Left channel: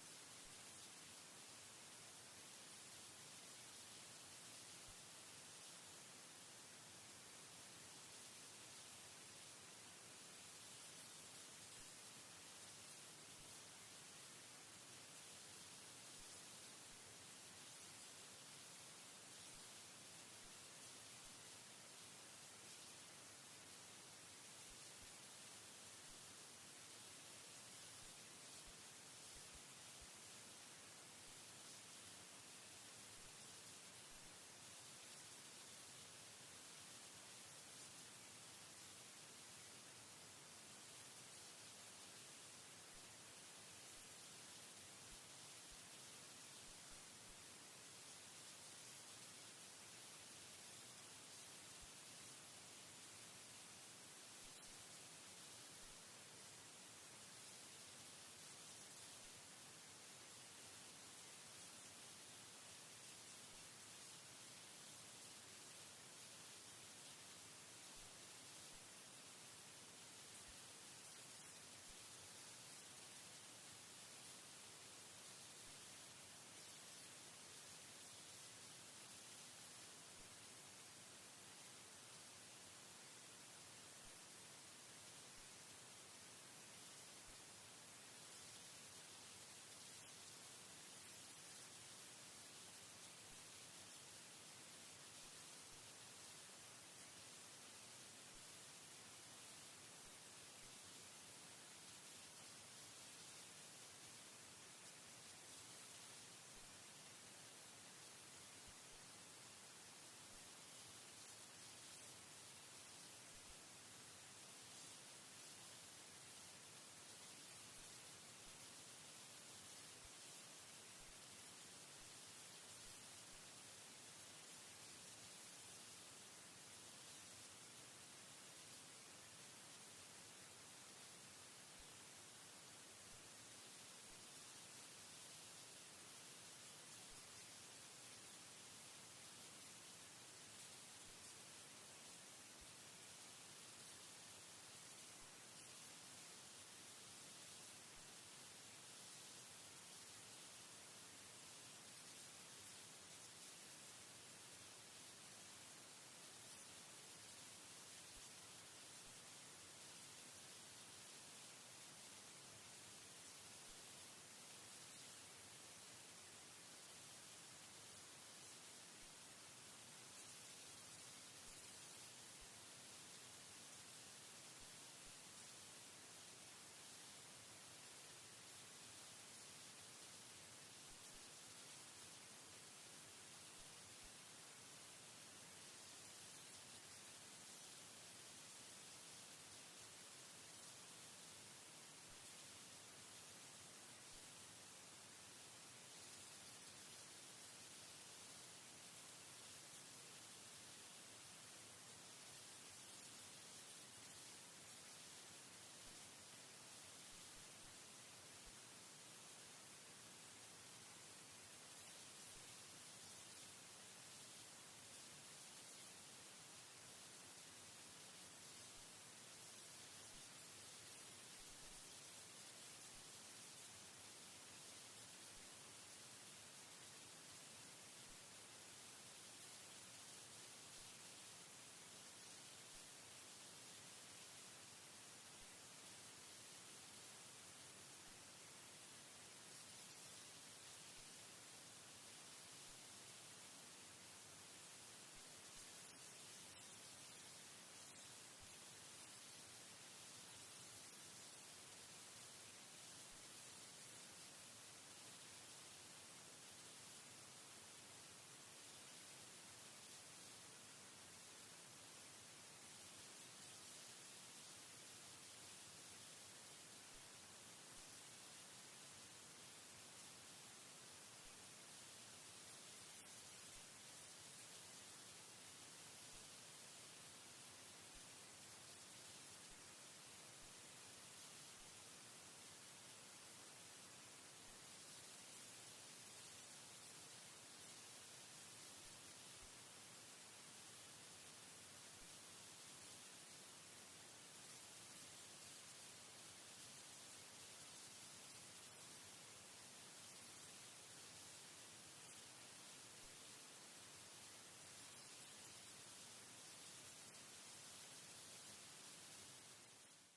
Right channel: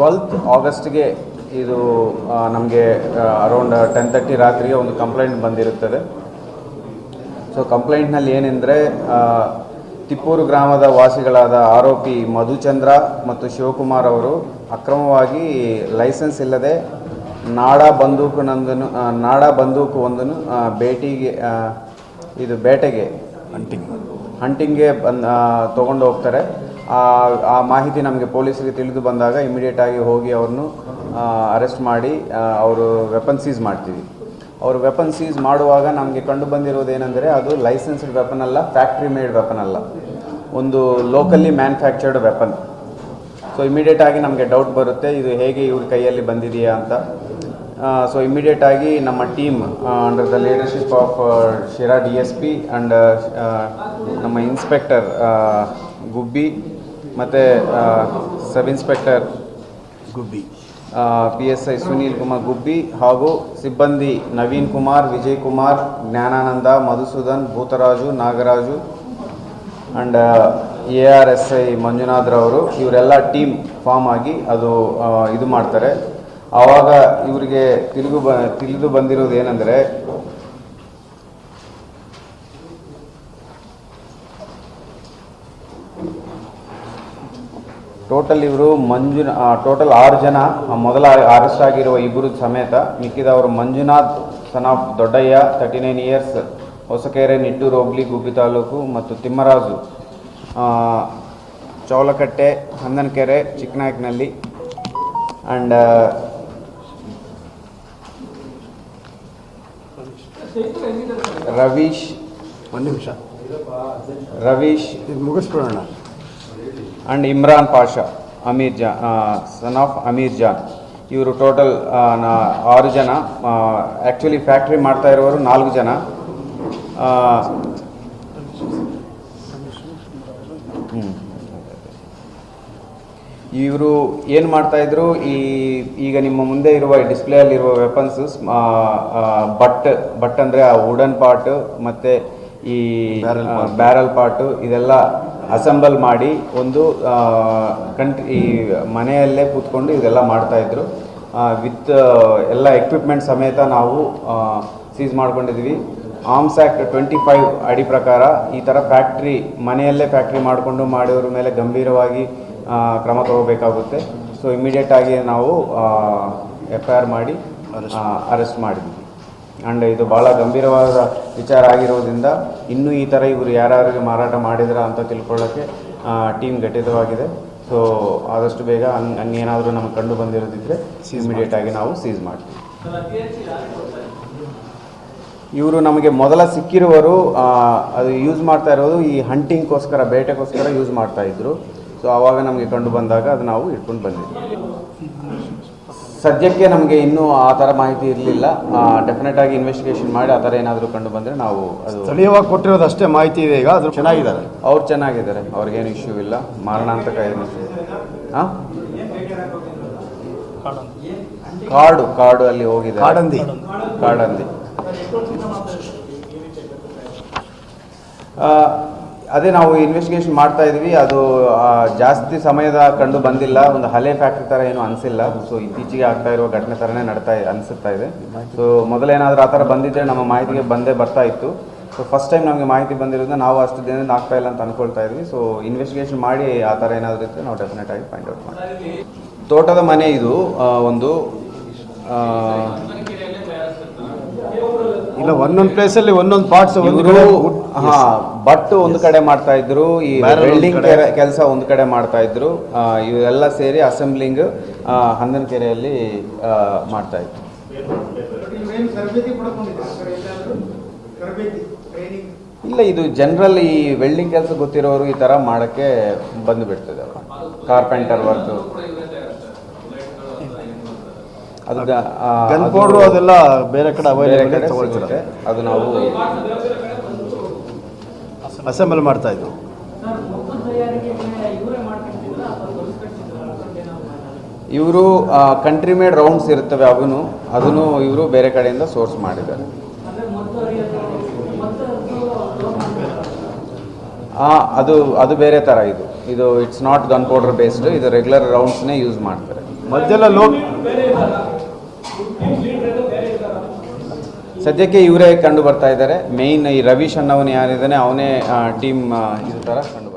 Twelfth ಆಗಸ್ಟ್ಗೆ ಇದು ನಮಗೆ around ten thirty ರಾತ್ರಿಗೆ ಒಂದು ಕಂಪ್ಲೇಂಟ್ ಬಂದಿರುತ್ತದೆ. ಸೊ ಕಂಪ್ಲೇಂಟ್ನಲ್ಲಿ ಏನೆಂದರೆ ತಿಪ್ಪೂರು ಗ್ರಾಮದ ವಾಸಿಗಳಾದ ಆರೋಪಿ ಮಧುಚಂದ್ರ ಮತ್ತು ಶಿವಕುಮಾರ್ ಅವರು ಅಕ್ರಮವಾಗಿ ಲೈಸೆನ್ಸ್ ಇಲ್ಲದೆ ನಾಡ ಬಂದೂಕು ನಾಡಾ ನಾಡ ಬಂದೂಕು ಒಂದನ್ನು ಭೇಟಿಗೆ ಇದು ಬೇಟೆಗೆ ಹಂಟಿಂಗ್ ಹಂಟಿಂಗ್ಗೆ ಬಂದು ತೊಗೊಂಡು ಹೋಗ್ತಾರೆ. ಆ ಮಾಹಿತಿ ನಮಗೆ ಪೊಲೀಸರಿಗೆ ತಿಳಿದು ಬಂದಾಗ ಇಮಿಡಿಯೇಟ್ ಆಗಿ ಹೋಗಿ ಅವ್ರನ್ನು ಅರೆಸ್ಟ್ ಮಾಡಿ ಅವರು ವೆಪನ್ ಸೀಸ್ ಮಾಡ್ತೀವಿ. ಅವರು ವೆಪನ್ ಸೀಸ್ ಮಾಡುವಾಗ ನಮಗೆ ಕಂಡು ಬಂದಿರೋದು ಏನಂದರೆ ಅದು ಲೈಸೆನ್ಸ್ಡ್ ವೆಪನ್ ಅಲ್ಲ ಫ್ಯಾಕ್ಟ್ರಿ ಮೇಡ್ ವೆಪನ್ ಅಲ್ಲ. ಒಂದು locally manufactured weapon so immediate ಆಗಿ ನಮಗೆ ಡೌಟ್ ಬರುತ್ತೆ, ಇದು ಹೇಗೆ ಇವ್ರ ಕೈಯಲ್ಲಿ ಬಂದಿದೆಯಾ ಅಂತ. ಸೊ ಇಮಿಡಿಯೇಟ್ ಆಗಿ ನಮ್ಮ team under the leadership of Shira D S P and ನಮ್ಮ ಇನ್ಸ್ಪೆಕ್ಟರ್ ಗುಬ್ಬಿ ಮತ್ತು sub inspector Gubbi. P S I Sunil Kumar Gubbi ಹಾಗೂ ಸಿಬ್ಬಂದಿ Naveen Kumar Vijay Kumar Jnanananda Madhusudan Bhootharaju Nagaraju and A R S I ಮಂಜುನಾಥ್ರವರು ಇವರೆಲ್ಲ team form ಆಗಿ ಅದು ಇದು ಮಾಡ್ತಾರೆ. ಆವಾಗ ಇವರಿಗೆ ತಿಳಿದು ಬ ತಿಳಿದು ಬಂದಿರೋದು ಏನಂದರೆ ಟೋಟಲ್ ಇವರು ಮಂಜುನ ಟೋಟಲ್ ಆರು ಜನ ಮೊದಲ ಅರೆಸ್ಟ್ ಆಗಿರುವ ಇಬ್ಬರು ಸಮೇತ ಮಿಕ್ಕಿದವರು Manjunath son of Doddaiah thirty nine years Hosakere Nittur ಹೋಗ್ಲಿ ಗುಬ್ಬಿ ತಾಲೂಕು ಮತ್ತು ತಿಮ್ಮರಾಜು. ಚೌಲಕಟ್ಟೆ ಹಂದನಕೆರೆ ಚಿಕ್ಕನಾಯಕ್ನಲ್ಲಿ ಆ್ಯಂಡ್ ರವೀಶ್ ಒಂದು ನಿಮಿಷ. ರವೀಶ್ ಇದು ಮುಗಿಸ್ಬಿಡೋಣ and Imran Pasha Ameer Jan son of Ameer Jan ಇವರು ಟೋಟಲ್ ಆರು ಜನ ಆ್ಯಕ್ಚುಲಿ ಫ್ಯಾಕ್ಟ್ರಿ ಮಾಡ್ತಾ ಇರೋರು ನಾಲ್ಕು ಜನ. ಇವರು ಏನು ಮಾಡ್ತಾಯಿದ್ರು ಈ ಈಗ ನಿಮ್ಮ ಮುಂದೆ ಇರುವ ಡಿಸ್ಪ್ಲೇಯಲ್ಲಿರುವ ವೆಪನ್ಸು ಬಟ್ ಬಟ್ ಅಂದರೆ ಆ ವುಡನ್ ಪಾರ್ಟ್ ಮತ್ತು ಈ. ಬ್ಯಾರಲ್ ಪಾರ್ಟು ಇದೆಲ್ಲ ಅಸೆಂಬಲ್ ಮಾಡಿ ಒಂದು ಕಂಟ್ರಿ ಈ ಮನೆಯಲ್ಲೇ ಕೂತ್ಕೊಂಡು ಇದೆಲ್ಲ ಮಾಡ್ತಾಯಿದ್ರು ವಿತ್ ಎಲ್ಲ ಎಕ್ವಿಪ್ಮೆಂಟ್ ಸಮೇತ ನಾವು ಸೀಸ್ ಮಾಡ್ಕೊಂಡಿದ್ವಿ. ಆರ್ಮ್ಸ್ ಆ್ಯಕ್ಟ್ ಟ್ವೆಂಟಿ ಫೈವ್ ಅಡಿ ಪ್ರಕಾರ ಈ ಥರ ಫ್ಯಾಕ್ಟ್ರಿ ಮನೆಯಲ್ಲೇ ಫ್ಯಾಕ್ಟ್ರಿ ಮಾಡಿಕೊಂಡು ಮಾಡಿರೋರ ಮೇಲೆ ಗಂಭೀರವಾಗಿ ಕ್ರಮ ತಗೋಬೇಕಾಗುತ್ತೆ. ಸೊ ಇಮಿಡಿಯೇಟಾಗಿ ನಾವು ಎಫ್ ಐ ಆರ್ ಮಾಡಿ ಅರೆಸ್ಟ್ ಮಾಡಿದ್ವಿ. ಆ್ಯಂಡ್ ಇದು ಭಾಳ ಗಂಭೀರವಾದ ವಿಚಾರ ಆಗಿರೋದ್ರಿಂದ ಇನ್ನೂ ಈ ಥರ ಇವರು ಯಾರ್ಯಾರಿಗೆ ಮಾರಾಟ ಮಾಡಿದ್ರ ಅಂತ ತಿಳ್ಕೊಳ್ಳೋಕ್ಕೆ ಟೀಮ್ ಘಟಿತವಾಗಿದೆ. ಸೊ ಆದಷ್ಟು ಬೇಗ ಹಂಗೆ ಹಂಗೇನಾದರೂ ನಮಗೆ ಕಂಡು ಬಂದಿರೋದಿದ್ರೆ ಇಮಿಡಿಯೇಟ್ ಆಗಿ ನಾವು ಸೀಸ್ ಮಾಡ್ತೀವಿ. ಇವರು ನಮಗೆ ಮೊದಲ ಸಿಕ್ಕಿರುವರು ಅದು ಯೂಸ್ ಮಾಡ್ತಾ ಇರೋದು ಈ ಹಂಟಿಂಗ್ಗೋಸ್ಕರ ಬೇಟೆಗೋಸ್ಕರ ಯೂಸ್ ಮಾಡ್ತಾ ಇದ್ರು. ಸೊ ಆವಾಗ ನಮಗೆ ಕಂಡು ಬಂದಾಗ ಅದು ನಾವು ಇಟ್ಕೊಂಡು ಬಂದಿದ್ವಿ. ಸದ್ಯಕ್ಕೆ ನಮಗೆ ಇನ್ನೂ ಆ ಥರ ಮಾಹಿತಿ ಇರಲಿಲ್ಲ. ಡೆಫಿನೆಟ್ ಆಗಿ ಇನ್ವೆಸ್ಟಿಗೇಷನ್ ಮಾಡಿ ಆ ಥರ ಏನಾದರೂ ಕಂಡು ಬಂದರೆ ನಾವು ಅದು ಸ್ಥಳೀಯವಾಗಿ ಕೊಟ್ಟಿರೋದು ಅಷ್ಟೇ ಮಾಹಿತಿ ಇದೆ. ಈಗ ಅದು ಚೆನ್ನಾಗಿದ್ದಾರೆ. ಅವ್ರು ಚೆನ್ನಾಗಿದ್ದಾರೆ. ಅವ್ರಿಗೇನು ಇಶ್ಯೂ ಇಲ್ಲ. ಮಾರಣಾಂತಕ ಏನು ಹಾಂ ಕಾರ್ಡು ಕಾರ್ಡು ಅಲ್ಲಿ ಹೋಗಿದೆ ಕಾಡಂದಿ. ಕಾಡಂದಿ. ಅದೇ ನಾವು ಇನ್ವೆಸ್ಟಿಗೇಷನ್ ಮಾಡ್ತಾ ಇದ್ವಿ. ಅದು ಜಾಸ್ತಿ ಸಮಯದ ಕಂಡು ಬಂದಿಲ್ಲ. ಒಂದು ಹಳೆ ಫ್ಯಾಕ್ಟ್ರಿ ಥರ ಏನು ಅನಿಸಿಲ್ಲ. ಸೊ ಇತ್ತೀಚೆಗೆ ಆಗ್ತಾ ಇರುವ ಘಟನೆ ಥರನೇ ನಡ್ತಾ ಅನ್ಸುತ್ತಾ ಇದೆ. ಸೊ ಮೊದಲೇನಾದರೂ ಆ ಥರ ಬಂದಿದ್ದರೆ ನಮ್ಮ ಮಾಹಿತಿಗೆ ಬಂದೇ ಬರ್ತಾ ಇತ್ತು. ಸೊ ಫಸ್ಟ್ ಟೈಮ್ ನಮಗೆ ಮಾಹಿತಿ ಬಂದಿರೋದ್ರಿಂದ ನಾವು ಅಷ್ಟು ದಿನದಿಂದ ಆಗ್ತಾ ಇಲ್ಲ ಅಂತ ಅನ್ಕೊಳ್ತಾ ಇದ್ವಿ. ಸೊ ಇನ್ವೆಸ್ಟಿಗೇಷನ್ ಮಾಡಿ ಆ ಥರ ಏನಾದರೂ ಇದ್ದರೆ ನಾವು ಡೆಫಿನೆಟ್ ಆಗಿ ಫೈಂಡ್ ಔಟ್ ಮಾಡ್ತೀವಿ. ತೋಟದ ಮನೆ ಇದು ಒಂದು ಇಲ್ಲ ಒಂದೊಂದು ಪ್ಲೇಸ್ ಅಲ್ಲಿ ಒಂದೊಂದು ಪಾರ್ಟ್ಸ್ ಇವರು ಹಾ ಬಟ್ ಒಂದು ಕಡೆ ಮಾಡ್ತಾ ಇದ್ರು ಈ ವೆಲ್ಡಿಂಗ್ ಕೆಲಸ ಒಂದು ಕಡೆ ಮಾಡ್ತಾ ಇದ್ರು. ಇವೆಲ್ಲ ಸೇರಿ ಅಸೆಂಬ್ಲಿಂಗ್ ಹಂದನಕೆರೆಯಲ್ಲಿ ಆ, ಮಾಡ್ತಾ ಇದ್ರು. ಇಲ್ಲ ಇದು ಜನರಲ್ ಈ ವೆಲ್ಡಿಂಗ್ ಕೆಲಸ ಗೊತ್ತಿರೋರು ಈ ತರ ಮಾಡಕ್ಕೆ ಬಂದು ಬಿಡ್ತದೆ ಕಾರ್ಪೆಂಟರ್ ವರ್ಕ್ ಅದು ಗನ್ ಪೌಡ್ರು ಅದೆಲ್ಲ ಬೇರೆ ಕಡೆ ಅವೈಲೇಬಲ್ ತಗೊಳ್ತಾರೆ ಅದು ನಾವು ಅಸೆಂಬಲ್ ಮಾಡ್ತಾ ಇದ್ವು ಇವರು ಕಂಟ್ರಿ ಮೇಡ್ ರೌಂಡ್ಸ್ ಇರುತ್ತವೆ ಅವನು. ಅದನ್ನು ಇವರು ಬೇರೆ ಕಡೆಯಿಂದ ಸೋರ್ಸ್ ಮಾಡಿದ್ದಾರೆ. ಆ, ಅದು ಅದು ಬೇರೆ ಥರ ಇದು. ಇದು it's not gun powder based ಇದು ರೆಗ್ಯುಲರ್ ರೌಂಡ್ಸ್ನೇ ಯೂಸ್ ಮಾಡ್ತಾರೆ. ಮಧ್ಯೆಲ್ಲ ಲೋಡ್ ಸದ್ಯಕ್ಕೆ ಇವರೇ ಕಂಡು ಬರ್ತಾ ಇದ್ದಾರೆ. ಮೇಯ್ನ್ ಈ ರವೀಶ್ ಅನ್ನೋನು ಯಾರಿದ್ದಾನೆ, ಅವನೇ ಟೀಮ್ ಇದು ಥರ ಕಂಡು